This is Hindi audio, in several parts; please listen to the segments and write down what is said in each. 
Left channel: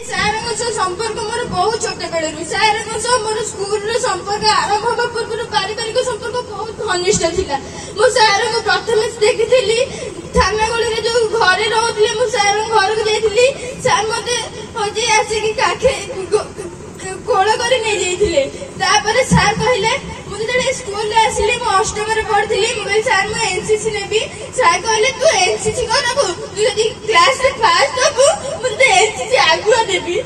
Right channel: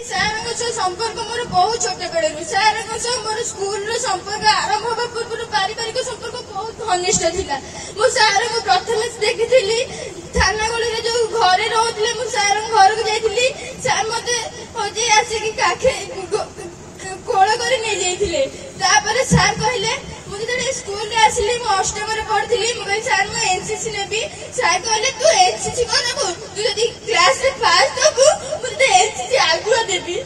संपर्क मोर बहुत छोट बेलू सार मोर स्कूल संपर्क आरंभ होगा पूर्व पारिवारिक संपर्क बहुत घनिष्ठ था। मु सार को प्रथम देखी थाना गली जो घरे रोते मुझे घर को जाइली सार मत हजे आसिक काखे कोल कर सार कहले मुझे स्कूल आसली अष्टम पढ़ी सार मुझे एनसीसी नेबी सार कहले तू एनसीसी कौन नबू तू क्लास फास्ट हबू मुझे एनसीसी आगुआ देवी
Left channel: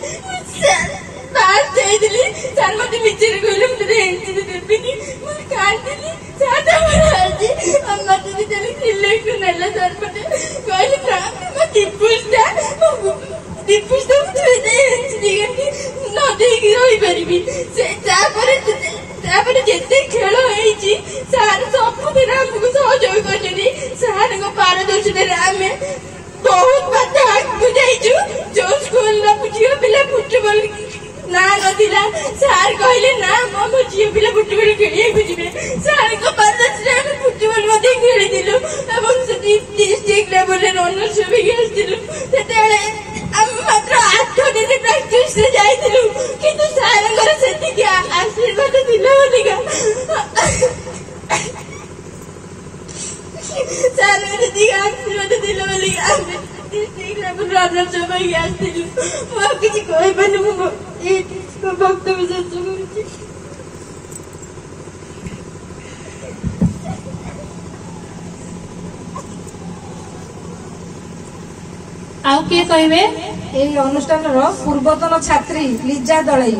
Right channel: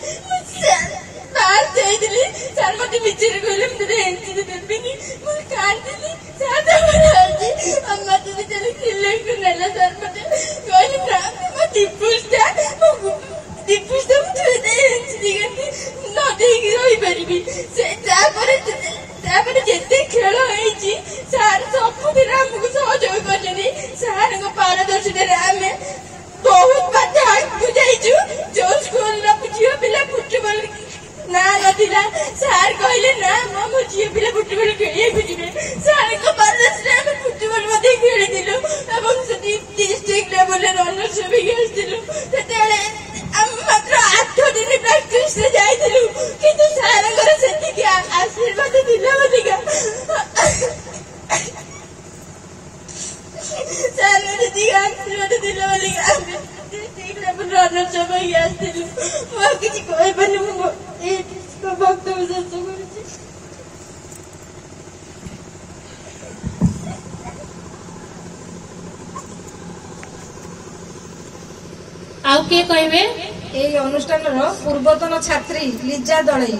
सार मत विचार कहले मुझे एनसीसी देवी मुझे काटिली सार मत सिलेक्ट नेला सार मत कहले ना दीपुष्टा मुझे एनसीसी न देगी रही पारि जिते खेल सार सबुदिन आमको सहयोग कर सार पारदर्शिता आम बहुत बात आगे जाइचु जो स्कूल झील पिला फुटबल ना नाला सार कहले ना मो झील पिला फुटबल खेल जी सार पारदर्शिता फुटबल खेलु डिस्ट्रिक्ट लेवल रनर्स भी मात्र 8 दिन प्राक्टिस जाइलु किंतु सार से आशीर्वाद दिला सार आशीर्वाद दिला डिस्ट्रिक्ट लेवल रनर्स आसलु किसी कह वक्तव्य शेष कर आउ किए कहे अनुष्ठान पूर्वतन छात्री लिजा दलई।